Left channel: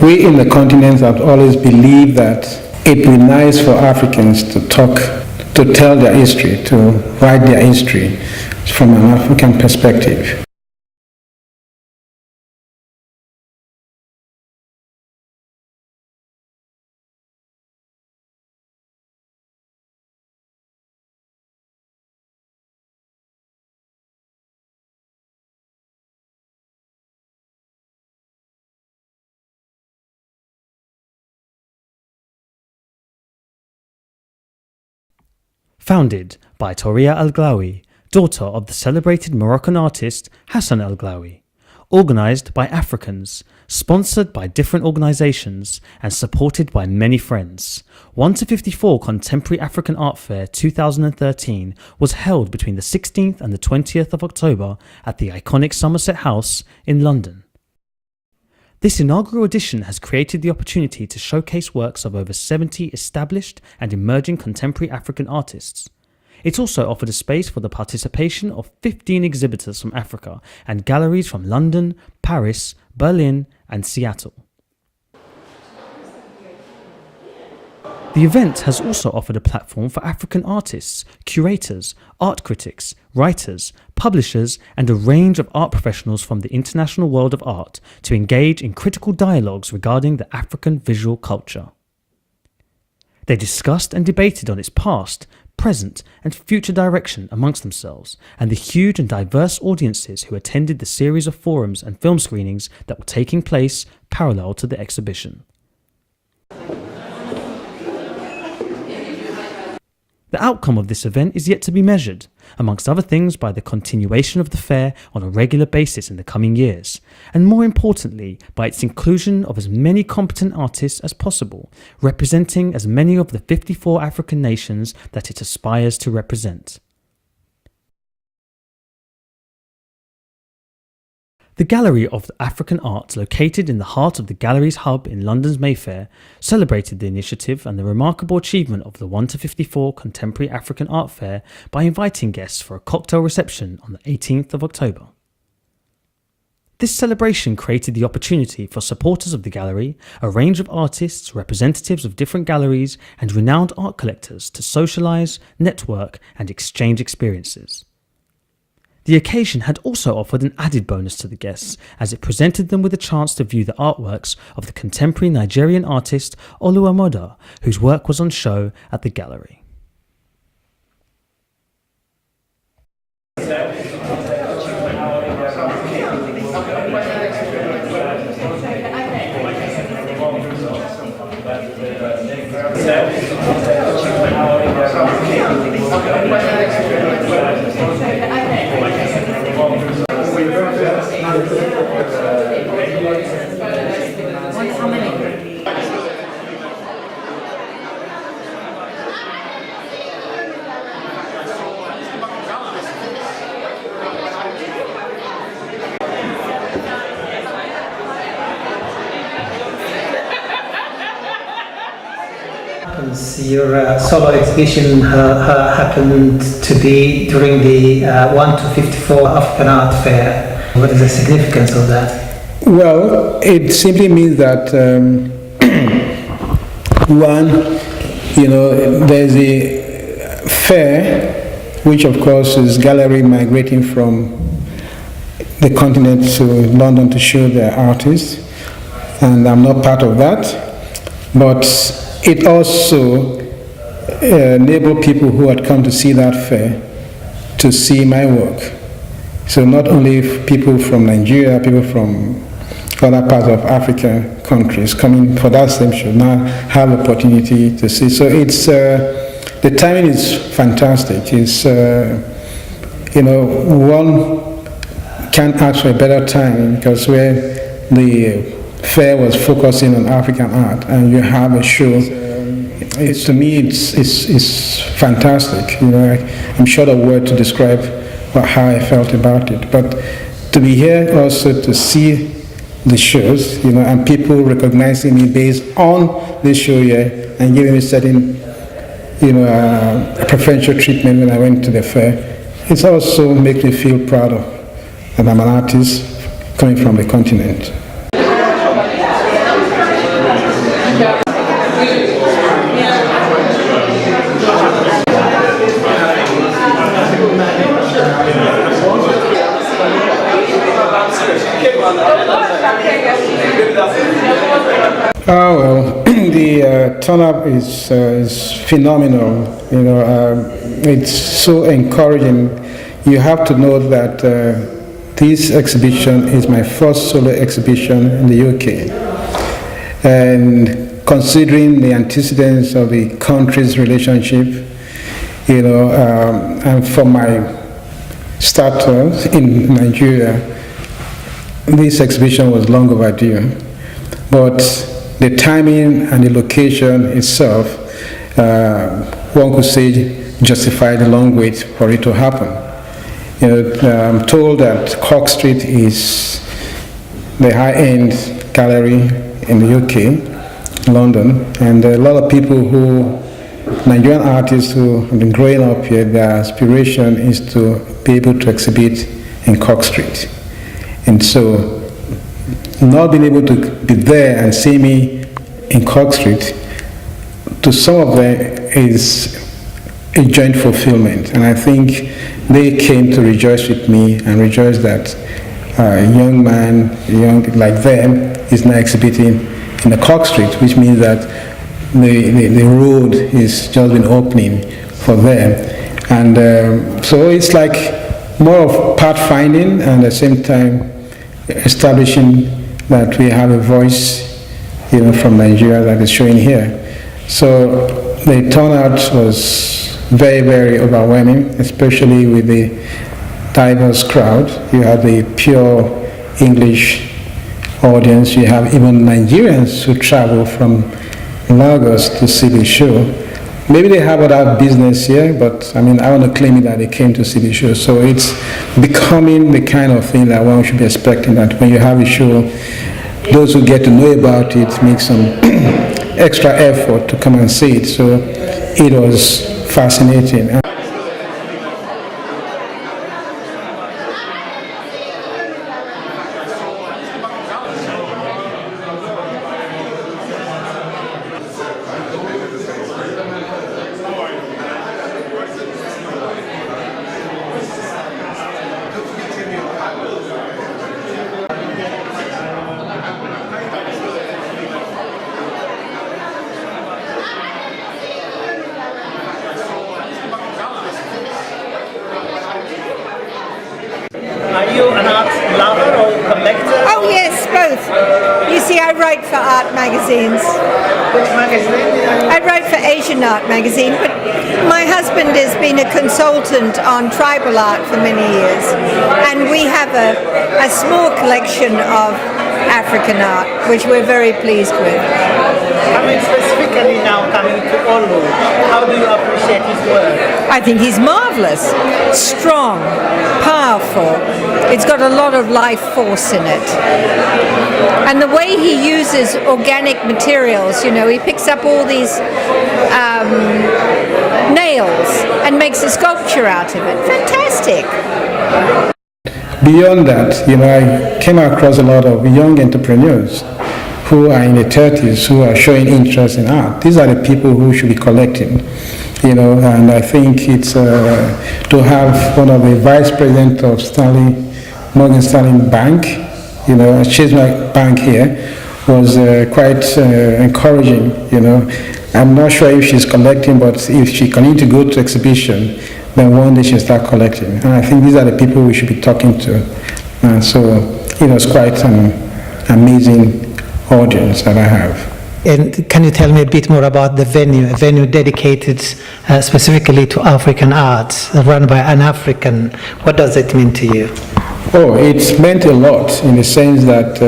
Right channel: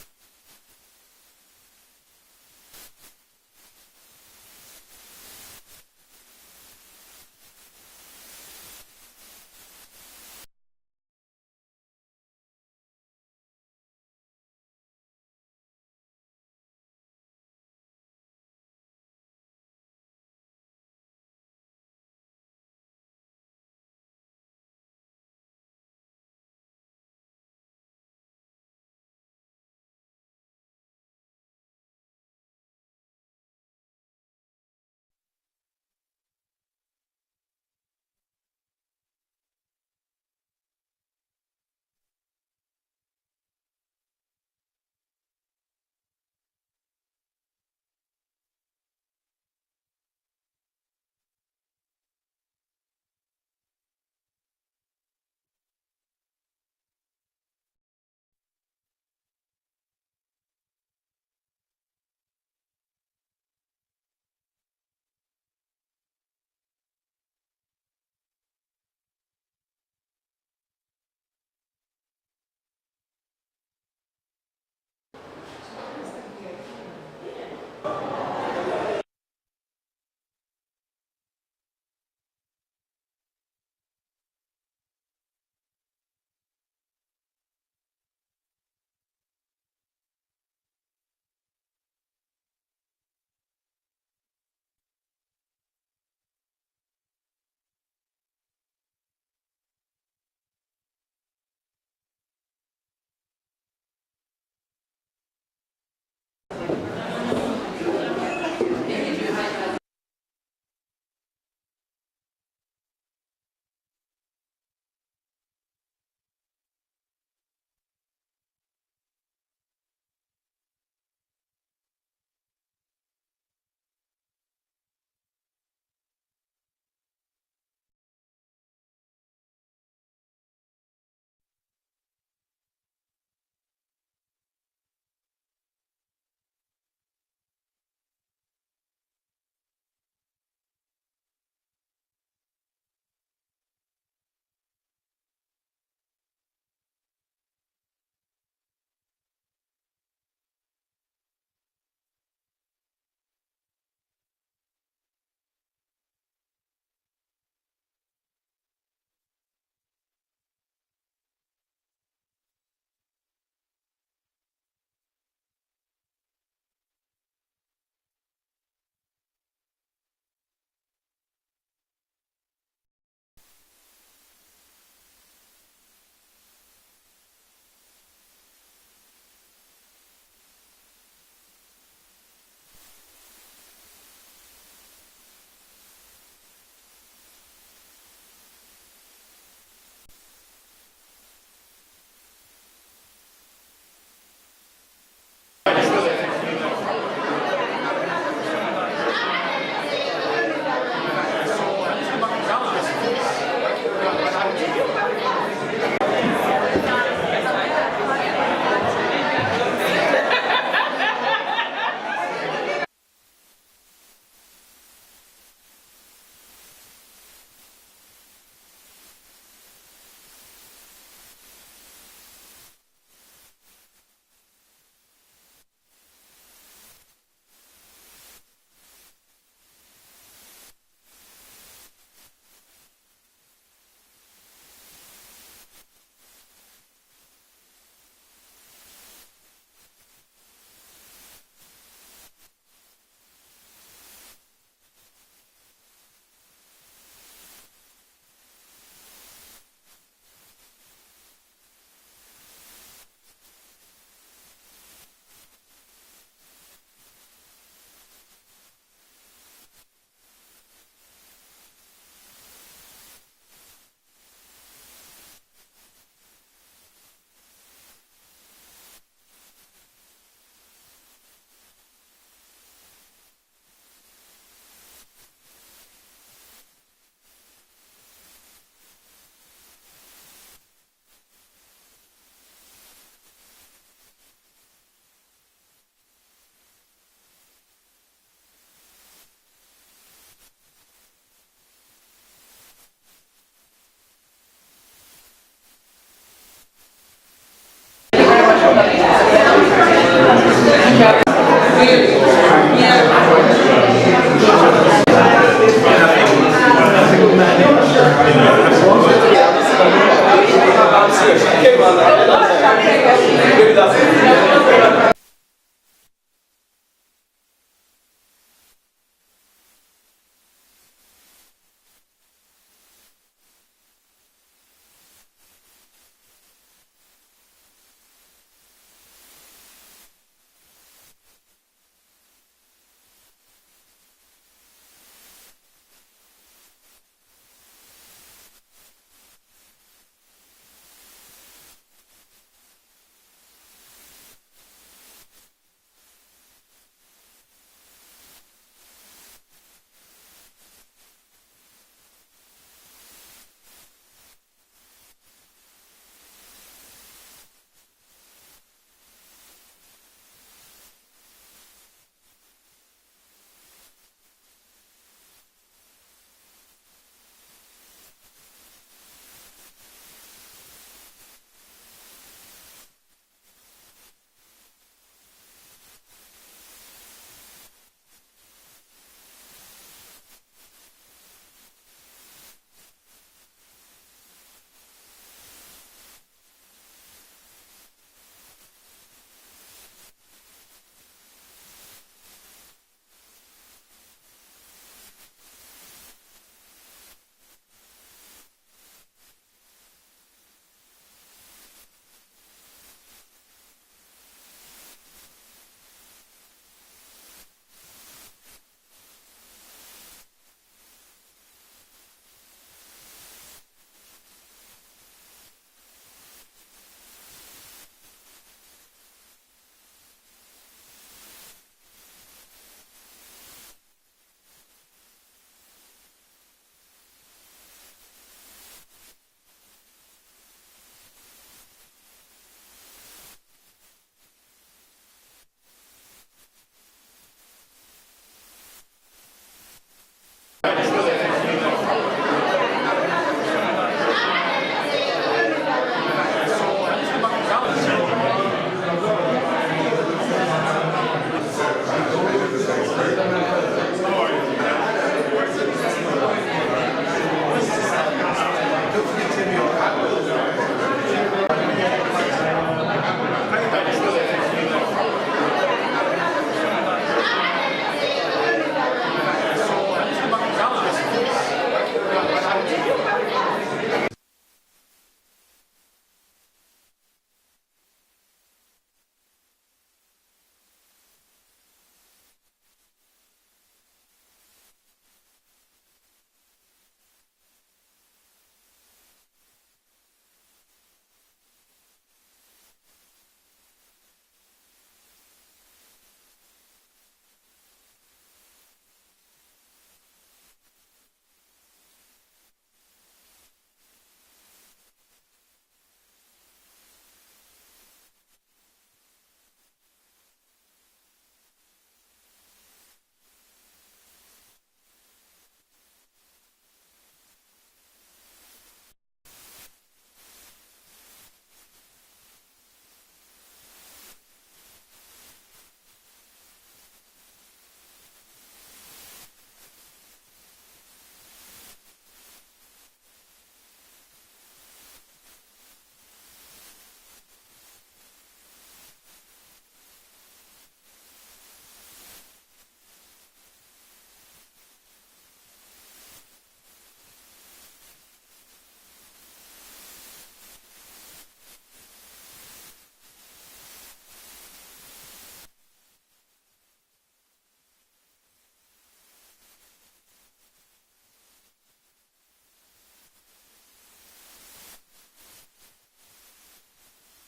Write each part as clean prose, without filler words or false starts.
We in the continent have always believed that it would be nice for Africans to tell their history, to write their history from an African perspective. Founded by Touria El-Glaoui, daughter of the celebrated Moroccan artist Hassan El-Glaoui. Organised by Africans, sponsored by different organisations and supported by many friends. 1 to 54 Contemporary African Art Fair 2013 was held between the 16th and the 20th of October at the iconic Somerset House in London. This inaugural edition has created the opportunity to showcase works of over 70 established and emerging contemporary African artists. It also offered a space for the participation of 15 exhibitors from Africa and galleries from London, Paris, Berlin, and Seattle. The event has also offered a platform for African artists, curators, art critics, writers, publishers, and a range of art professionals from the international world of art to engage in critical dialogues regarding the African visual culture. They discussed and debated on its past, present, and future direction amongst themselves, and the huge and diverse audiences who attended the series of forums and film screenings that were taking place parallel to the exhibition. The outcome of this event is yet to be measured, amongst other things by the continuation of the fair on a regular basis in the coming years, and more importantly by its inclusion of as many competent artists as possible, representing as many of the 54 African nations that it aspires to represent. The Gallery of African Art, located in the heart of the Galleries Hub in London's Mayfair, celebrated the initiative and the remarkable achievement of the 1 to 54 Contemporary African Art Fair by inviting guests for a cocktail reception on the 18th of October. This celebration created the opportunity for supporters of the gallery, a range of artists, representatives of different galleries, and renowned art collectors to socialise, network, and exchange experiences. The occasion had also offered an added bonus to the guests, as it presented them with a chance to view the artworks of the contemporary Nigerian artist Oluwamoda, whose work was on show at the gallery. Your solo exhibition happened to be during the 1 to 54 African Art Fair. What is the significance of that? Well, it simply means that there's a fair, which of course is gallery migrating from the continent to London to show their artists, and I'm not part of that, but it also enabled people who had come to see that fair to see my work. So not only people from Nigeria, people from other parts of African countries coming for that same show now have opportunity to see. So it's the timing is fantastic. It's one can't ask for a better time, because where the fair was focusing on African art and you have a show, to me it's fantastic. I'm short of words to describe how I felt about it. But to be here also to see the shows, and people recognizing me based on this show here and giving me certain, a preferential treatment when I went to the fair, it also makes me feel proud of that I'm an artist coming from the continent. Oh well, the turn-up is phenomenal. You know, it's so encouraging. You have to know that this exhibition is my first solo exhibition in the UK, and considering the antecedents of the country's relationship, you know, and for my starter in Nigeria, this exhibition was long overdue. But the timing and the location itself, one could say, justified the long wait for it to happen. You know, I'm told that Cork Street is the high-end gallery in the UK, London, and a lot of people Nigerian artists who have been growing up here, their aspiration is to be able to exhibit in Cork Street. And so, not being able to be there and see me in Cork Street, to some of them is a joint fulfillment. And I think they came to rejoice with me and rejoice that a young man, young like them, is now exhibiting in the Cork Street, which means that the road is just been opening for them. And so it's like more of pathfinding and at the same time establishing that we have a voice, you know, from Nigeria that is showing here. So the turnout was very, very overwhelming, especially with the diverse crowd. You have the pure English audience. You have even Nigerians who travel from Lagos to see the show. Maybe they have other business here, but I mean, I want to claim it that they came to see the show. So it's becoming the kind of thing that one should be expecting, that when you have a show, those who get to know about it make some extra effort to come and see it. So it was fascinating. Are you an art lover or collector? Oh yes, both. You see, I write for art magazines. Which magazine? I write for Asian Art magazine, but my husband has been a consultant on tribal art for many years, and we have a small collection of African art, which we're very pleased with. Coming specifically now, coming to Olu, how do you appreciate his work? I think he's marvelous, strong, powerful. It's got a lot of life force in it. And the way he uses organic materials, you know, he picks up all these nails and makes a sculpture out of it. Fantastic. Beyond that, you know, I came across a lot of young entrepreneurs who are in their 30s who are showing interest in art. These are the people who should be collecting, you know, and I think it's to have one of the vice president of Morgan Stanley Bank, you know, Chase Bank here, was quite encouraging, you know. I'm not sure if she's collecting, but if she continues to go to exhibition, then one day she'll start collecting. And I think these are the people we should be talking to. And so it was quite an amazing audience that I have. And can you tell me a bit more about the venue, a venue dedicated specifically to African art, run by an African? What does it mean to you? Oh, it's meant a lot in the sense that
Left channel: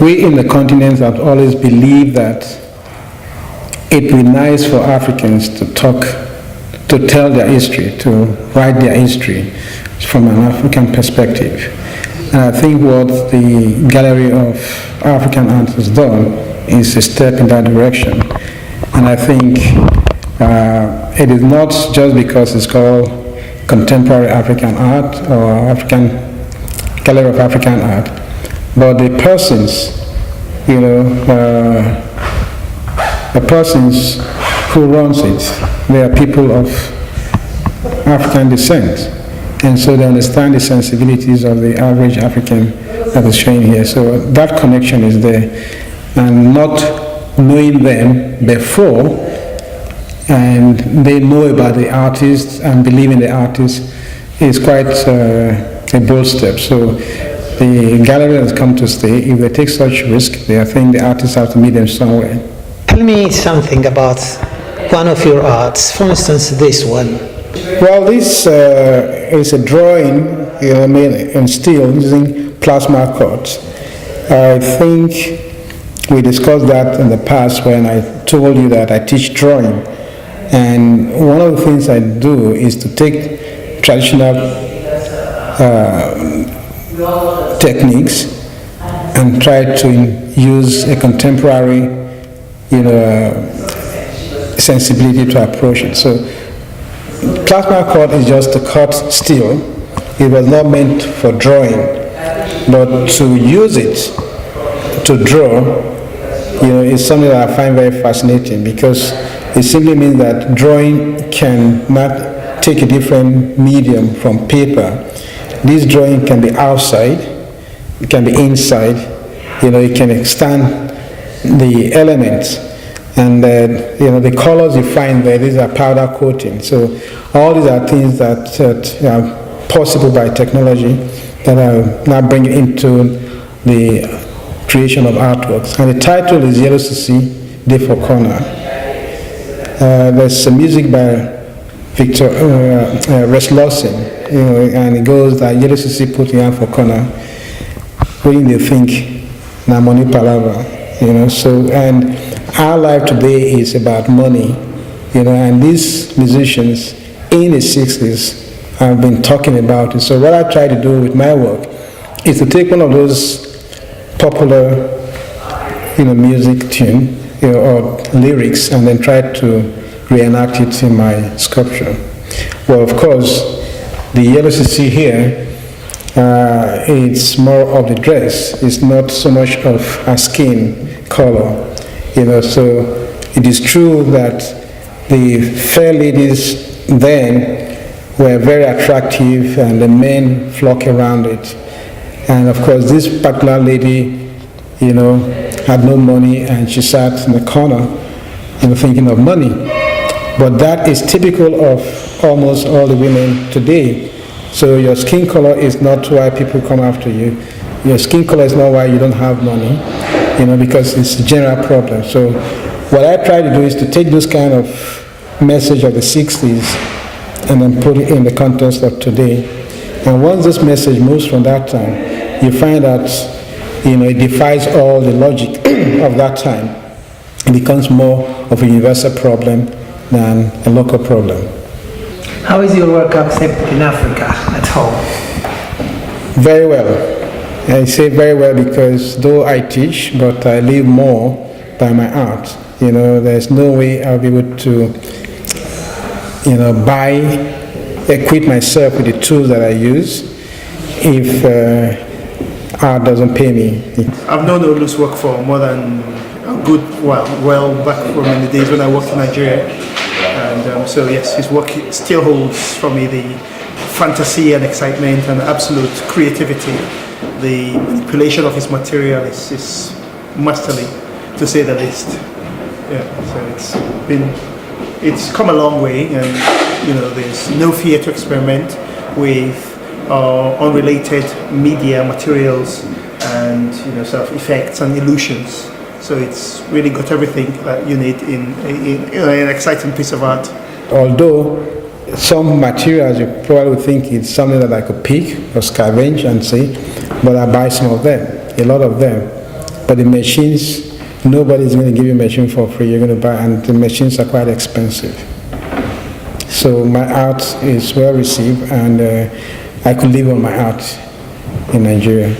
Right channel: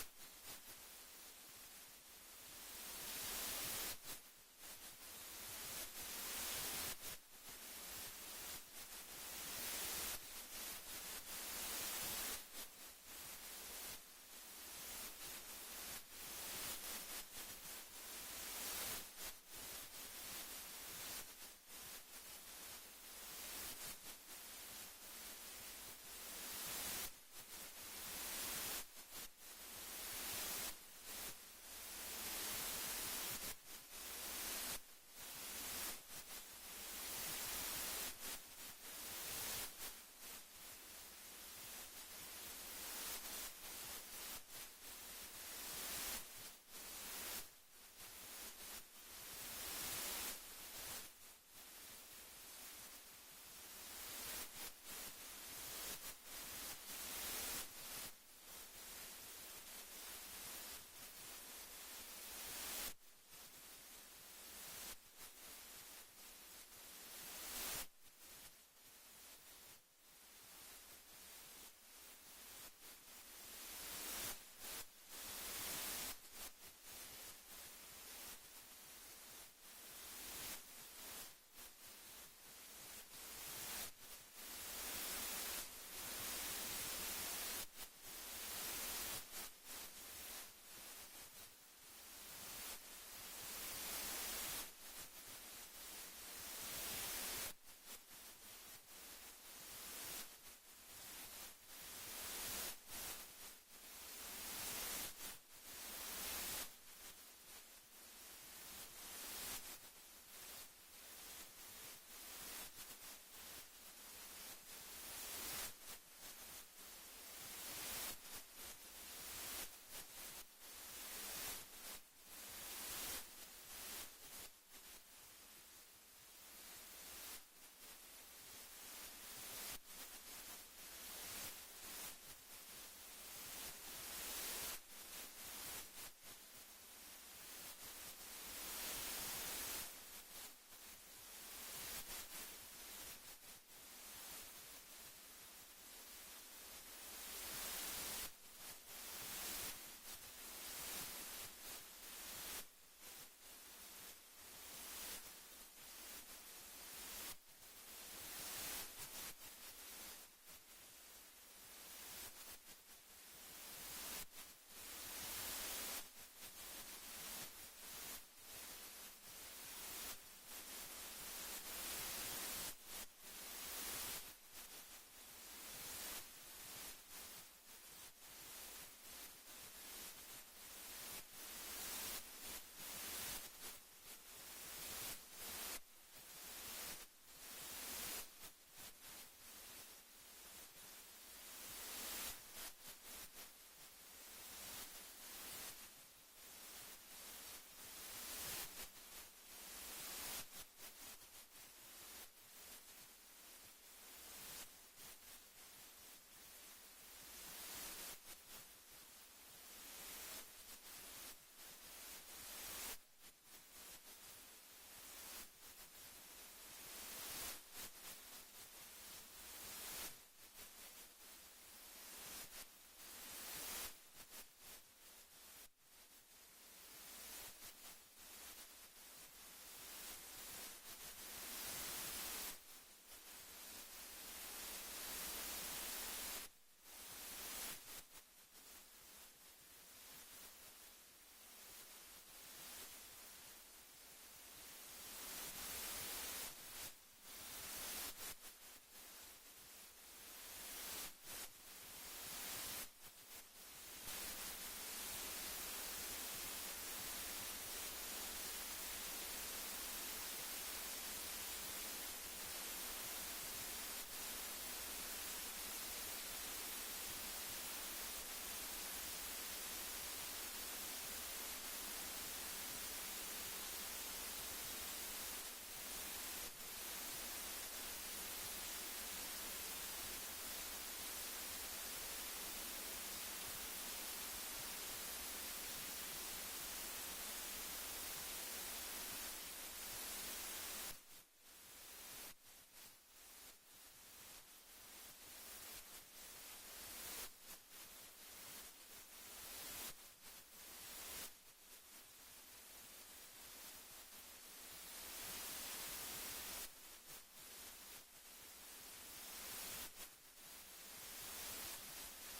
we in the continent have always believed that it would be nice for Africans to tell their history, to write their history from an African perspective. And I think what the Gallery of African Art has done is a step in that direction. And I think it is not just because it's called Contemporary African Art or Gallery of African Art, but the persons the persons who runs it, they are people of African descent. And so they understand the sensibilities of the average African that is shown here. So that connection is there. And not knowing them before, and they know about the artist and believe in the artist is quite a bold step. So the gallery has come to stay. If they take such risk, I think the artists have to meet them somewhere. Tell me something about one of your arts, for instance, this one. Well, this is a drawing made in steel using plasma cuts. I think we discussed that in the past when I told you that I teach drawing. And one of the things I do is to take traditional techniques and try to use a contemporary, sensibility to approach it. So plasma cut is just to cut steel. It was not meant for drawing, but to use it to draw, is something that I find very fascinating, because it simply means that drawing cannot take a different medium from paper. This drawing can be outside, it can be inside, it can extend the elements. And the colors you find there, these are powder coating. So all these are things that are possible by technology that are now bringing into the creation of artworks. And the title is Yellow CC Day for Corner. There's some music by Victor Rex Lawson, and it goes that Yellow CC put in for corner. When they think, na money palava, So, and our life today is about money, and these musicians in the 60s have been talking about it. So what I try to do with my work is to take one of those popular, music tune, or lyrics, and then try to reenact it in my sculpture. Well, of course, the yellow CC here, it's more of the dress. It's not so much of a skin color, So it is true that the fair ladies then were very attractive, and the men flock around it. And of course, this particular lady, had no money, and she sat in the corner, thinking of money. But that is typical of almost all the women today. So your skin color is not why people come after you. Your skin color is not why you don't have money, because it's a general problem. So what I try to do is to take this kind of message of the 60s and then put it in the context of today. And once this message moves from that time, you find that, it defies all the logic of that time. It becomes more of a universal problem than a local problem. How is your work accepted in Africa at home? Very well. I say very well because though I teach, but I live more by my art. There's no way I'll be able to, equip myself with the tools that I use if art doesn't pay me. I've known Olu's work for more than a good while back from in the days when I worked in Nigeria. And so yes, his work still holds for me the fantasy and excitement and absolute creativity. The manipulation of his material is masterly, to say the least. Yeah, so it's come a long way, and there's no fear to experiment with unrelated media materials and sort of effects and illusions. So it's really got everything that you need in an exciting piece of art. Although some materials you probably think it's something that I could pick or scavenge and see, but I buy some of them, a lot of them. But the machines, nobody's going to give you a machine for free. You're going to buy, and the machines are quite expensive. So my art is well received, and I could live on my art in Nigeria.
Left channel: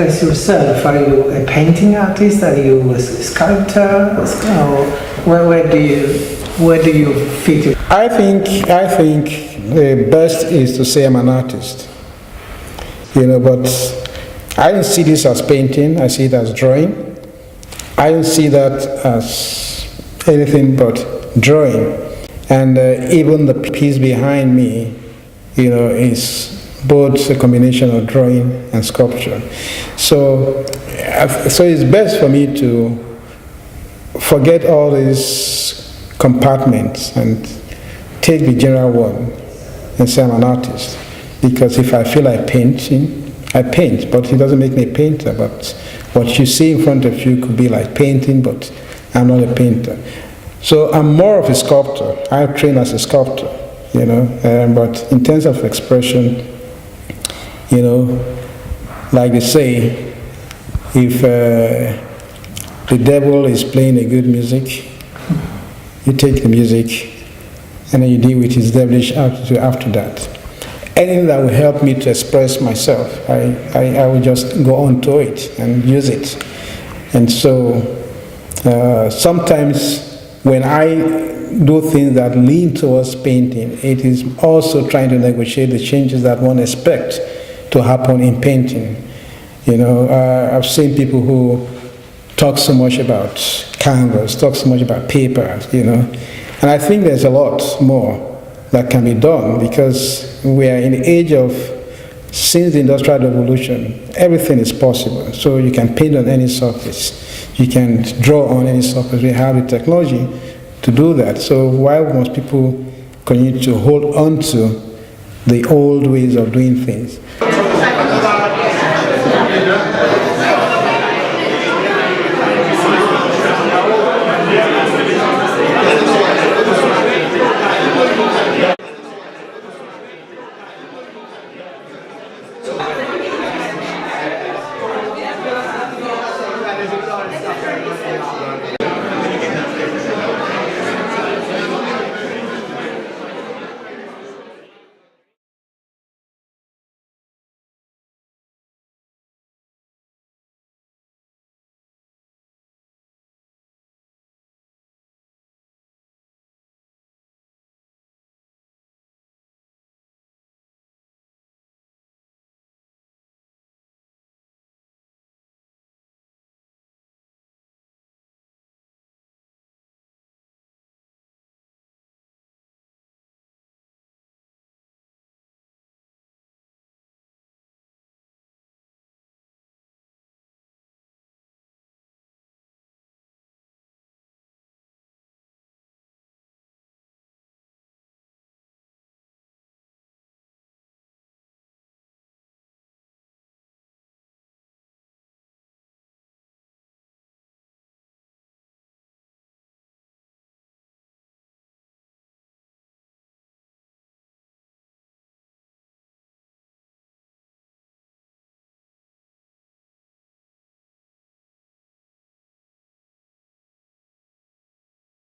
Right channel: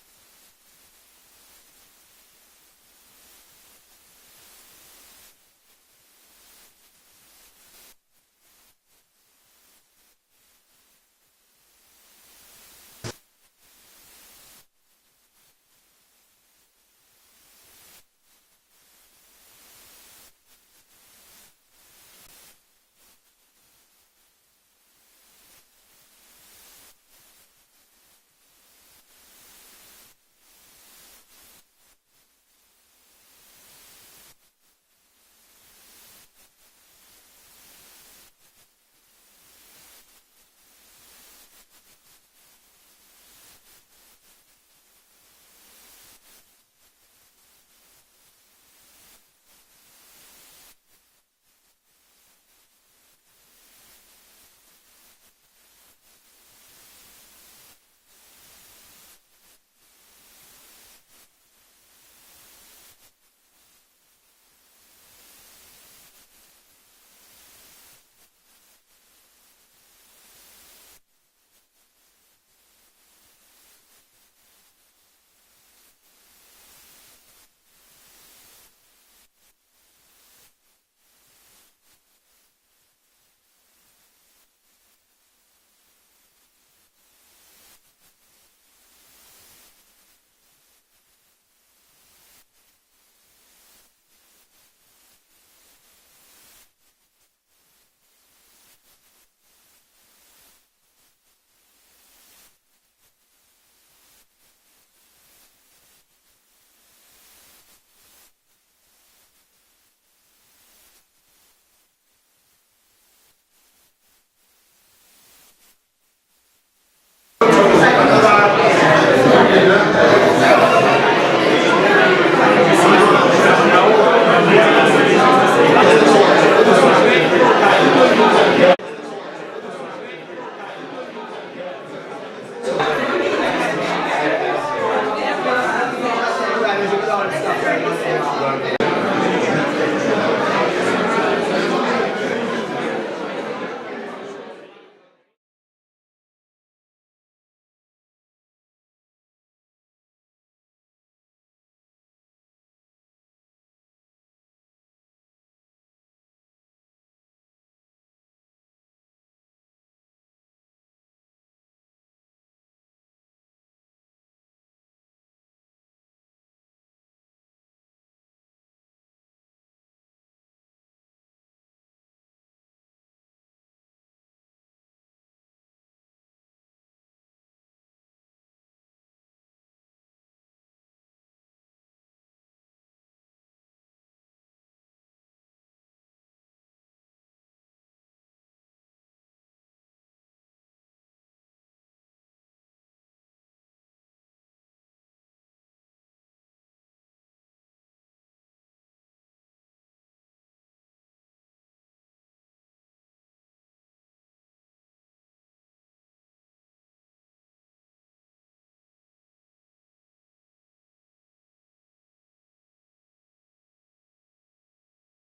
express yourself? Are you a painting artist? Are you a sculptor? Or where do you fit? I think the best is to say I'm an artist. But I don't see this as painting. I see it as drawing. I don't see that as anything but drawing. And even the piece behind me, is both a combination of drawing and sculpture. So it's best for me to forget all these compartments and take the general one and say I'm an artist. Because if I feel like painting, I paint, but it doesn't make me a painter. But what you see in front of you could be like painting, but I'm not a painter. So I'm more of a sculptor. I train as a sculptor, but in terms of expression, like they say, if the devil is playing a good music, you take the music and then you deal with his devilish attitude after that. Anything that will help me to express myself, I will just go on to it and use it. And so sometimes when I do things that lean towards painting, it is also trying to negotiate the changes that one expects to happen in painting. I've seen people who talk so much about canvas, talk so much about paper, and I think there's a lot more that can be done because we are in the age of, since the Industrial Revolution, everything is possible. So you can paint on any surface, you can draw on any surface. We have the technology to do that. So why must people continue to hold on to the old ways of doing things?